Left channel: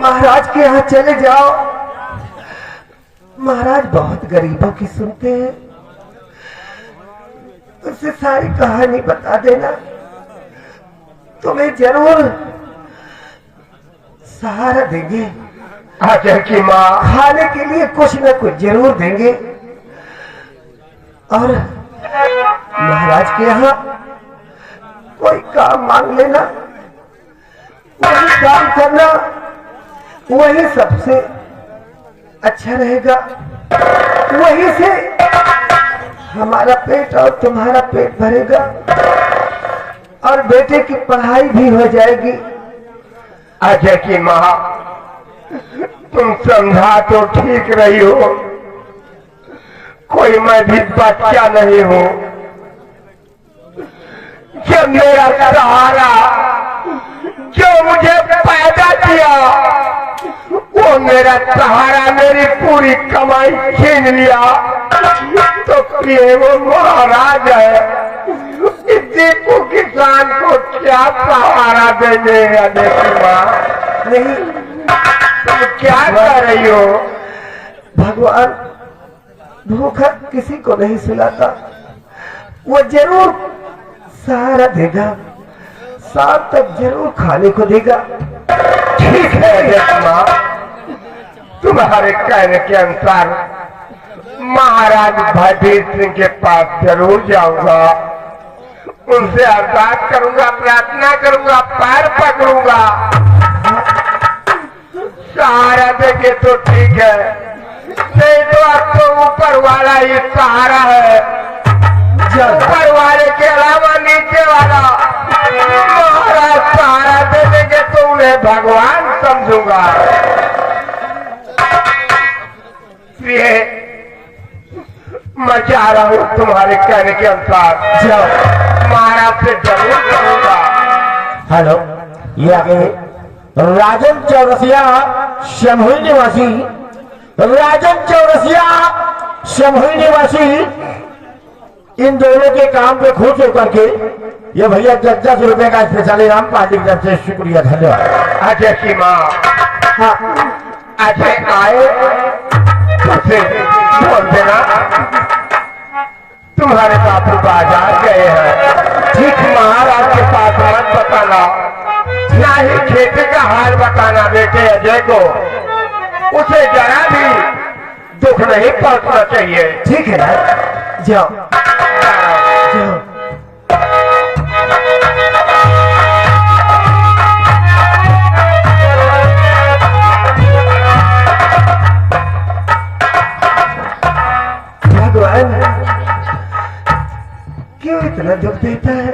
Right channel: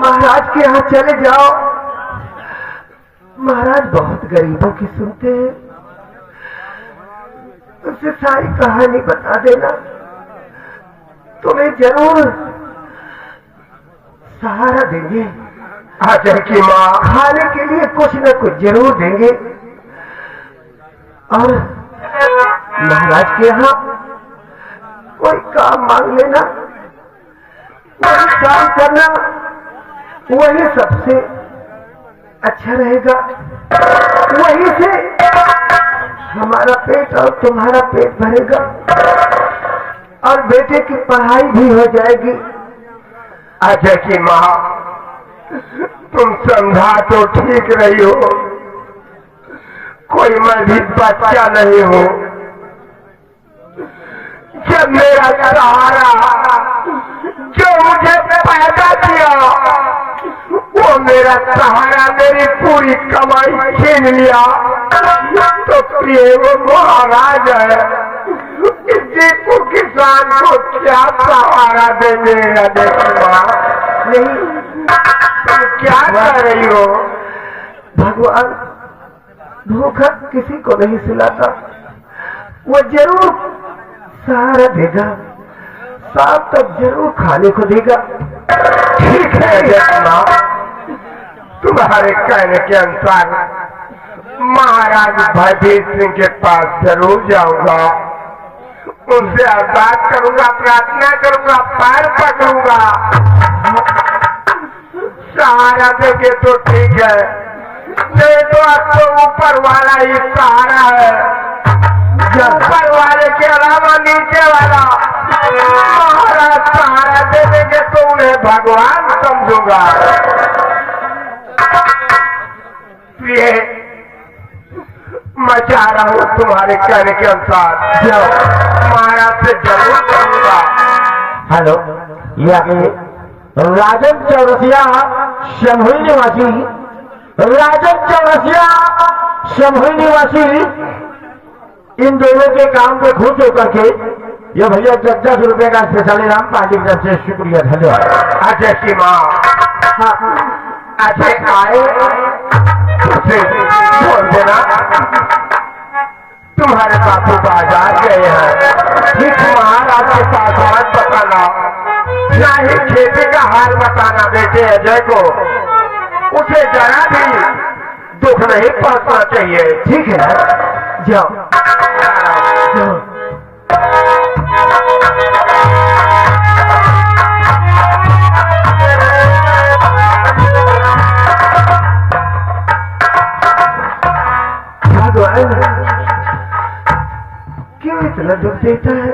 महाराज के यहाँ चले जाओ। महाराज बहुत गरीबों की सुनते हैं, उससे सारी कहानी बता देना, तुम्हें जरूर सहारा देंगे। अजय की माँ खाने के लिए कुछ न कुछ जरूर देंगे। और महाराज के यहाँ कोई काम मांग लेना, वही काम करना, वही सबसे अच्छा रहेगा। वही से हमारा पेट और तुम्हारा पेट भरेगा और बेटे की पढ़ाई भी हो जाएगी। अजय की माँ तुम समझा तो ठीक रही हो, कोई मैं भी बच्चा नहीं हूँ। जब मेरा सहारा जो मुझे पैदा किया वो मेरा सहारा मेरी पूरी कमाई छीन लिया, तो प्रिय वो महाराज है, दीपू किसान को क्या सहारा देंगे? अजय की माँ नहीं, तुम क्या कर रही हो? भगवान भूखा किसी को नहीं सुलाता, वो जरूर सहारा देगा, शाम तक जरूर खाने को देगा। ठीक है देखना, तुम्हारे कहने के अनुसार महाराज भयभीत सिंह के पास जरूर जाऊंगा, उनसे अरदास करूंगा, प्रार्थना करूंगा, पैर पकड़ूंगा। सहारा देंगे तो ठीक है, नहीं तो आपको ऊपर वाला ही सहारा है। ऊपर वाले के अलावा नीचे वाला महाराज सहारा दे देंगे तो उन्हें भगवान समझूंगा। प्रिय मैं चाह रहा हूँ तुम्हारे कहने के अनुसार महाराज से जरूर करूंगा। हेलो, ये आगे राजन चौरसिया शमहुई निवासी, राजन चौरसिया शमहुई निवासी, इन दोनों के काम पे खुश होकर के ये भैया 10 रुपए का स्पेशल इनाम पार्टी की तरफ से शुक्रिया, धन्यवाद। अजय की माँ अजय आए उसे बोल देना तुम्हारे बापू बाजार गए हैं। ठीक महाराज के पास मत बताना, ना ही खेती का हाल बताना बेटे अजय को, उसे जरा भी दुख नहीं पहुंचना चाहिए। ठीक है, जाओ जाओ। भगवान क्यों इतना दुख देता है,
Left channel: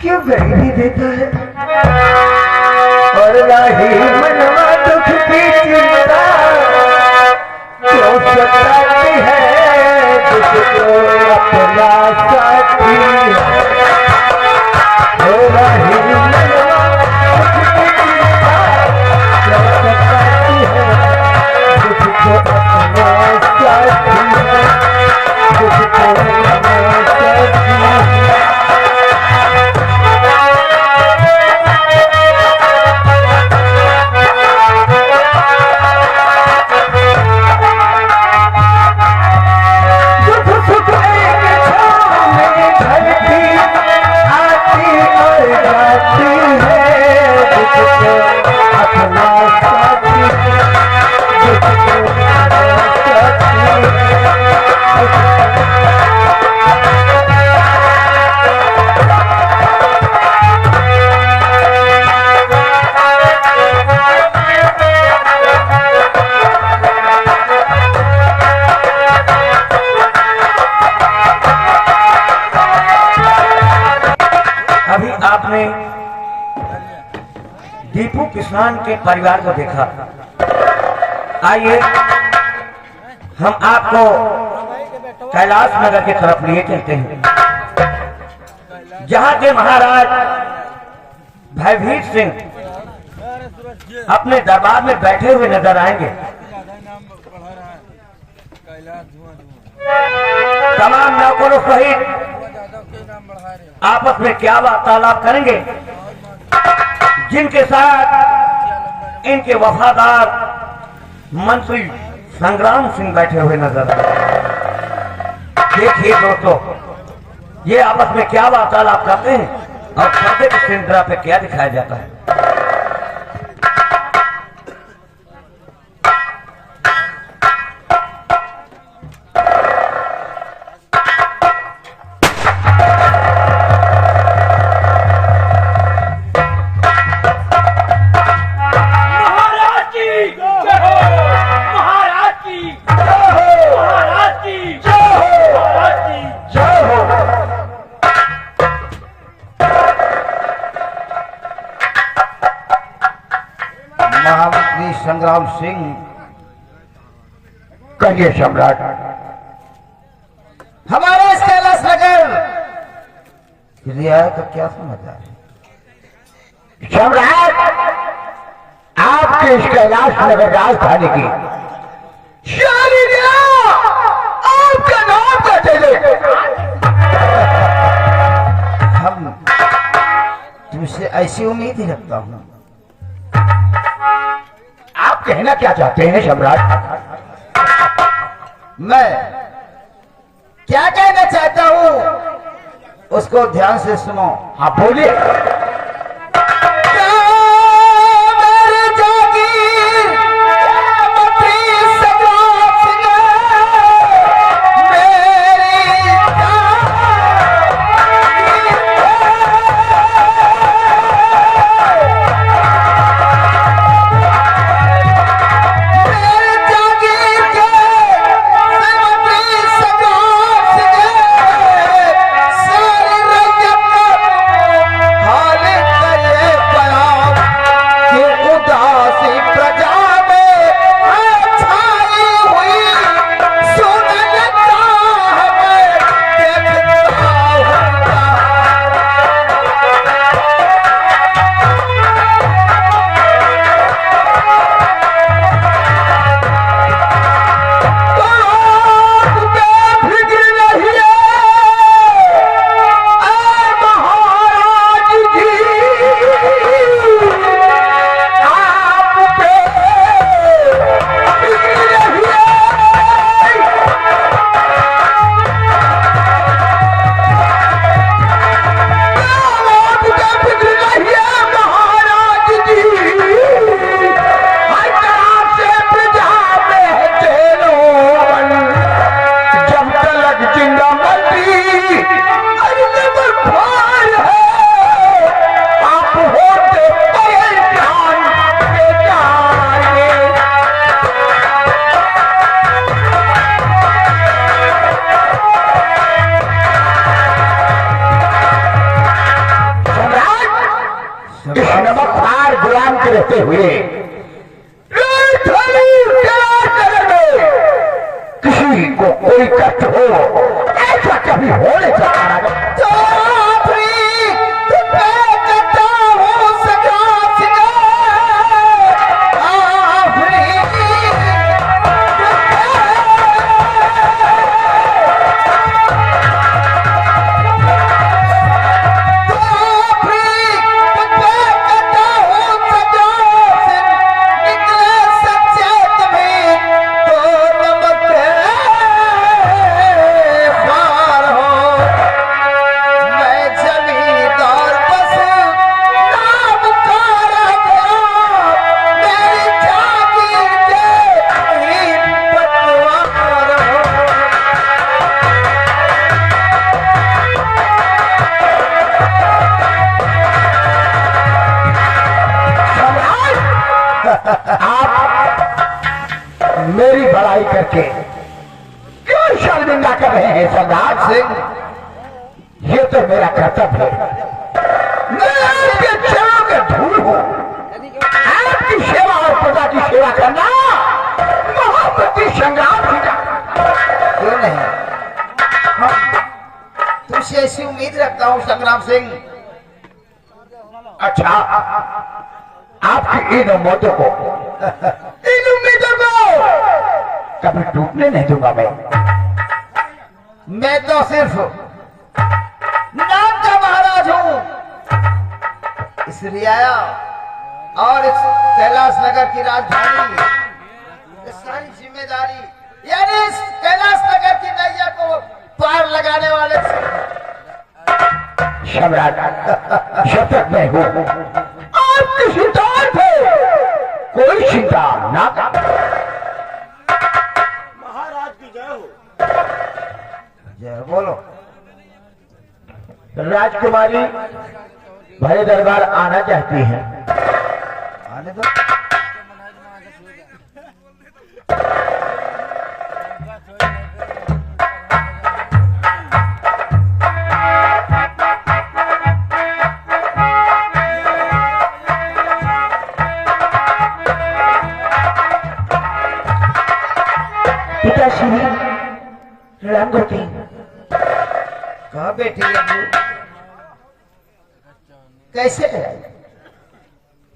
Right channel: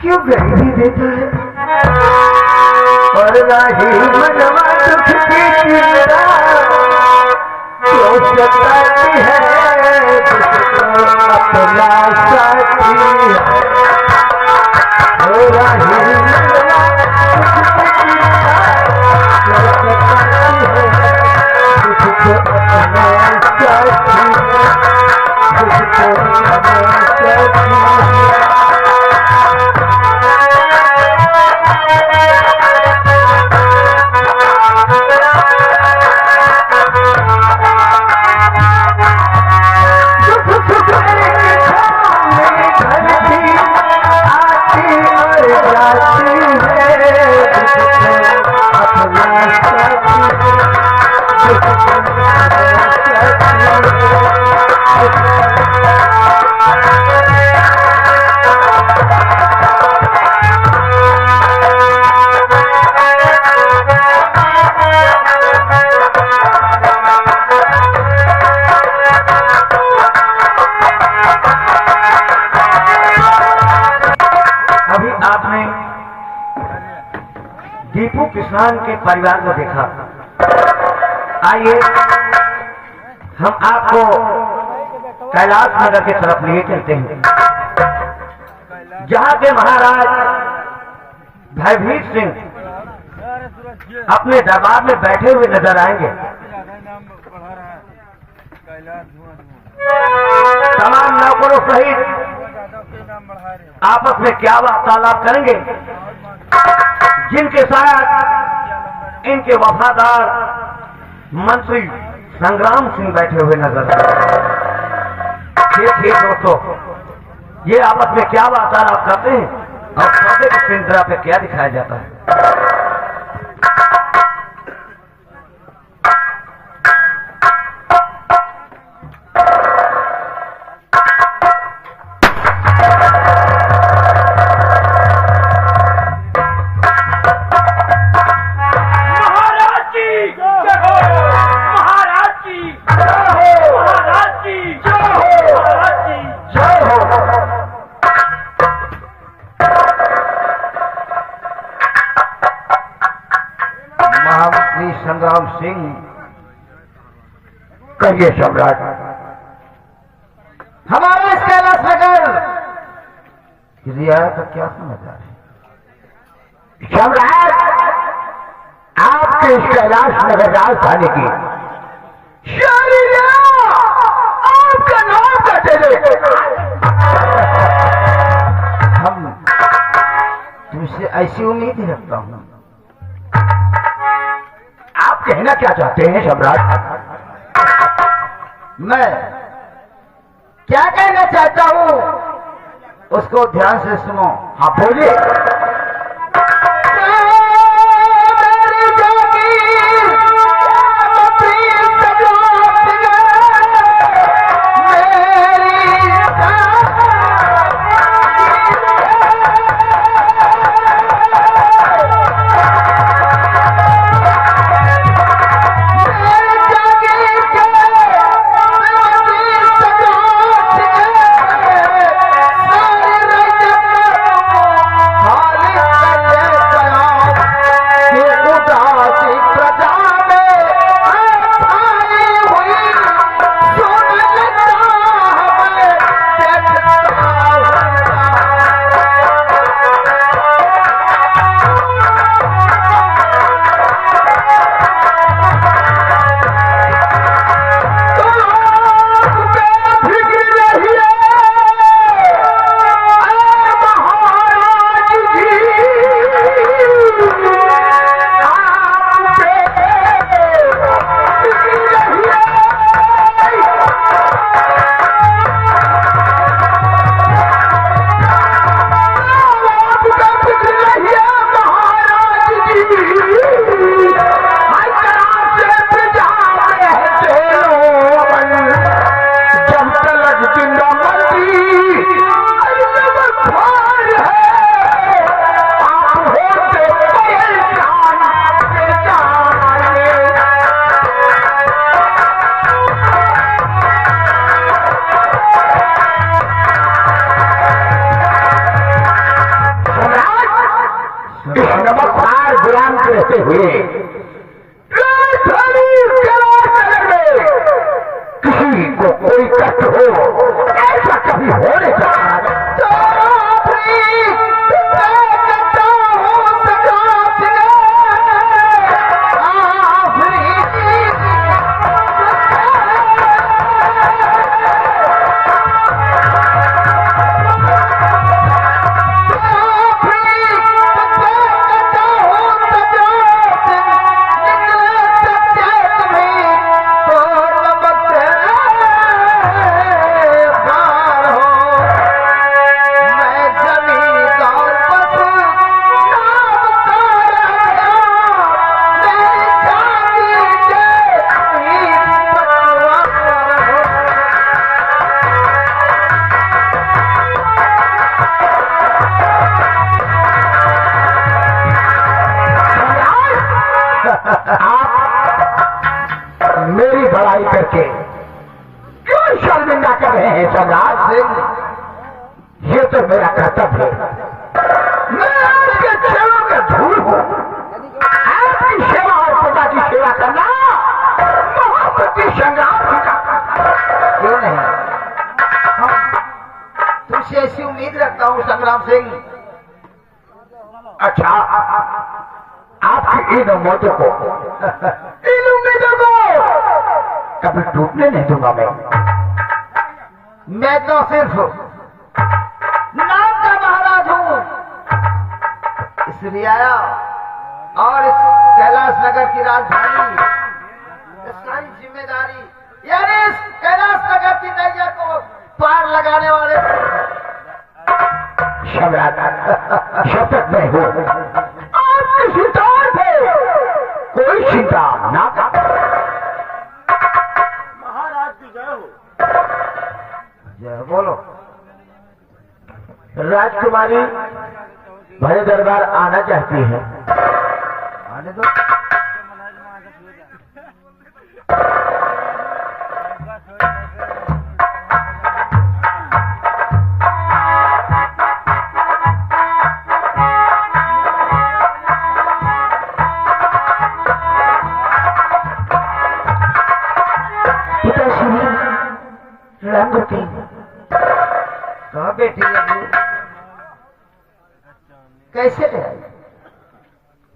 क्यों गरीबी देता है, और राही मनवा दुख की चिंता क्यों सताती है, जिसको अपना साथी है। राही मनवा दुख की चिंता क्यों सताती है, जिसको अपना साथी है, जिसको अपना साथी है। अभी आपने दीपू किसान के परिवार को देखा, आइए हम आपको कैलाश नगर की तरफ लिए चलते हैं, जहां के महाराज भयभीत सिंह अपने दरबार में बैठे हुए नजर आएंगे। तमाम नौकरों सहित आपस में क्या वार्तालाप करेंगे, जिनके साथ इनके वफादार मंत्री संग्राम सिंह बैठे हुए नजर आ रहे हैं। देखिए दोस्तों, ये आपस में क्या वार्तालाप करते हैं और पर्दे की सिंड्रा पे क्या दिखाया जाता है। महामंत्री संग्राम सिंह, कहिए सम्राट। हमारे इस कैलाश नगर रियायत का क्या समाचार है? सम्राट, आपके इस कैलाश नगर राजधानी की आपके नाम का चले। हम तुमसे ऐसी उम्मीद ही रखता हूँ। आप कहना क्या चाहते हैं सम्राट? मैं क्या कहना चाहता हूँ उसको ध्यान से सुनो। हाँ बोलिए। रहते हुए किसी को कोई कष्ट हो, ऐसा कभी होने जाता आप मेरी बड़ाई करके क्यों शर्मिंदा कर रहे हैं सम्राट सिंह? ये तो मेरा कर्तव्य है। मैं आपके चरणों के धूल हूं। आपकी सेवा और प्रजा की सेवा करना महामंत्री संग्राम सिंह का क्यों नहीं? हम तुझसे ऐसी उम्मीद रखता हूँ संग्राम सिंह। अच्छा, आपकी इन उम्मीदों को कभी टूटने नहीं दूंगा मैं तो सिर्फ नाम का महाराज हूँ। इस रियाया और इस कैलाश नगर की राजधानी, ये सारी जिम्मेदारी यानी इस कैलाश नगर की नैया को पार लगाने वाले सम्राट जब तक मैं हूँ आपकी चिंता थे कोई चिंता ना कर। महाराज की जय हो। जय बोलो। राजकुमारी भरे दरबार आना चाहती है। आने दो। पिताश्री रामगति कहा बेटी अम्मी कैसे है?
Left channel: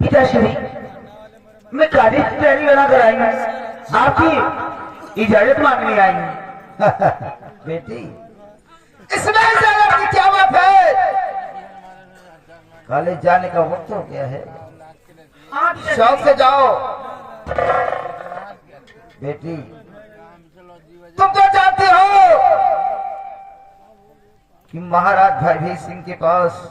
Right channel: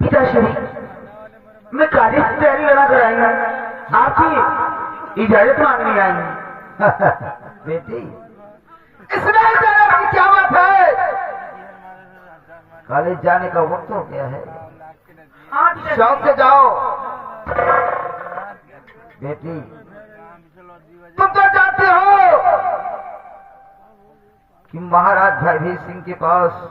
पिताश्री मैं गाड़ी की तैयारी लगा कर आई हूँ, आपकी इजाजत मांगने आई हूँ। बेटी इसमें इजाजत की क्या बात है? कॉलेज जाने का वक्त हो गया है, शौक से जाओ। बेटी तुम तो जानती हो कि महाराज भयभीत सिंह के पास